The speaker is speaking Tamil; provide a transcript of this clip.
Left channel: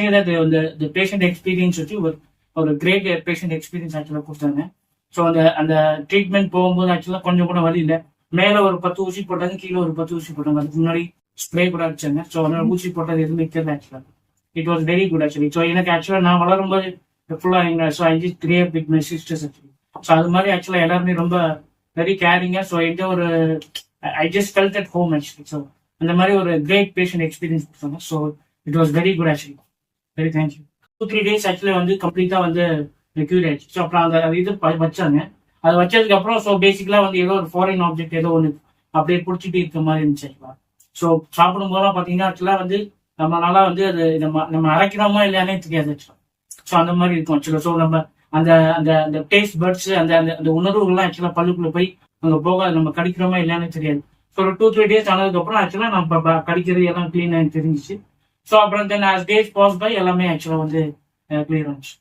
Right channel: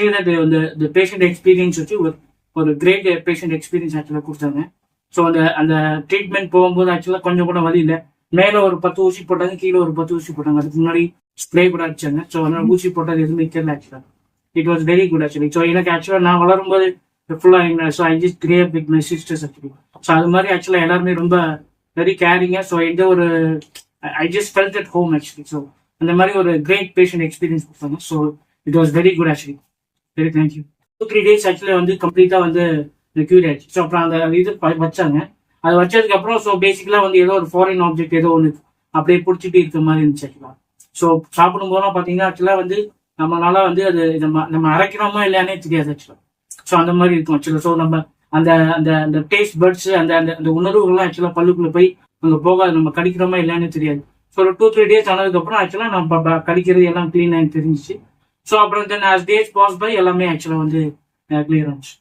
சே தட் இந்த இந்த பேஷண்ட் எக்ஸ்பீரியன்ஸ் வச்சு ஒரு ஒரு கிரேட் பேஷண்ட் எக்ஸ்பீரியன்ஸ் ஆக்சுவலாக கொடுத்தாங்க. ஸோ அந்த அந்த ட்ரீட்மெண்ட் போகும்போது ஆக்சுவலாக கொஞ்சம் கூட வழி இல்லை. மேலே ஒரு பத்து ஊசி போட்டாங்க கீழே ஒரு பத்து ஊசி போட்டாங்க. அதுக்கு முன்னாடி ஸ்ப்ரே கூட அடிச்சாங்க. ஸோ அதனால ஊசி போட்டது எதுவுமே தெரியல ஆக்சுவலாக it was very good actually so எனக்கு ஆக்சுவலாக நான் வளரும்போது ஃபுல்லாக so I just create with my sisters actually so அது மாதிரி ஆக்சுவலாக எல்லாருமே ரொம்ப வெரி கேரிங்காக ஸோ எந்த ஒரு I just felt at home actually so அந்த மாதிரி ஒரு கிரேட் பேஷண்ட் எக்ஸ்பீரியன்ஸ் கொடுத்தாங்க. So it was very good actually very thank you two three days actually வந்து கம்ப்ளீட்டாக வந்து கியூர் ஆயிடுச்சு. ஸோ அப்புறம் அந்த இது ப- வச்சாங்க. அது வச்சதுக்கு அப்புறம் ஸோ பேசிக்கலாக வந்து ஏதோ ஒரு ஃபாரின் ஆப்ஜெக்ட் ஏதோ ஒன்று அப்படியே பிடிச்சிட்டு இருக்க மாதிரி இருந்துச்சு ஆக்சுவலாக ஸோ சாப்பிடும் போதெல்லாம் பார்த்தீங்கன்னா ஆக்சுவலாக வந்து நம்மளால வந்து அது நம்ம நம்ம அரைக்கிறோமா இல்லையானே தெரியாது ஆக்சுவலாக ஸோ அந்த மாதிரி இருக்கும் ஆக்சுவலாக ஸோ நம்ம அந்த அந்த அந்த டேஸ்ட் பர்ட்ஸ் அந்த அந்த அந்த உணர்வுகள்லாம் ஆக்சுவலாக பல்லுக்குள்ள போய் அங்கே போகாது. நம்ம கடிக்கிறோமா இல்லையானே தெரியாது. ஸோ ஒரு டூ த்ரீ டேஸ் ஆனதுக்கப்புறம் ஆக்சுவலாக நம்ம கடிக்கிறது எல்லாம் க்ளீன் ஆகி தெரிஞ்சிச்சு. ஸோ அப்புறம் then as days pass by எல்லாமே ஆக்சுவலாக வந்து கிளியர் ஆச்சு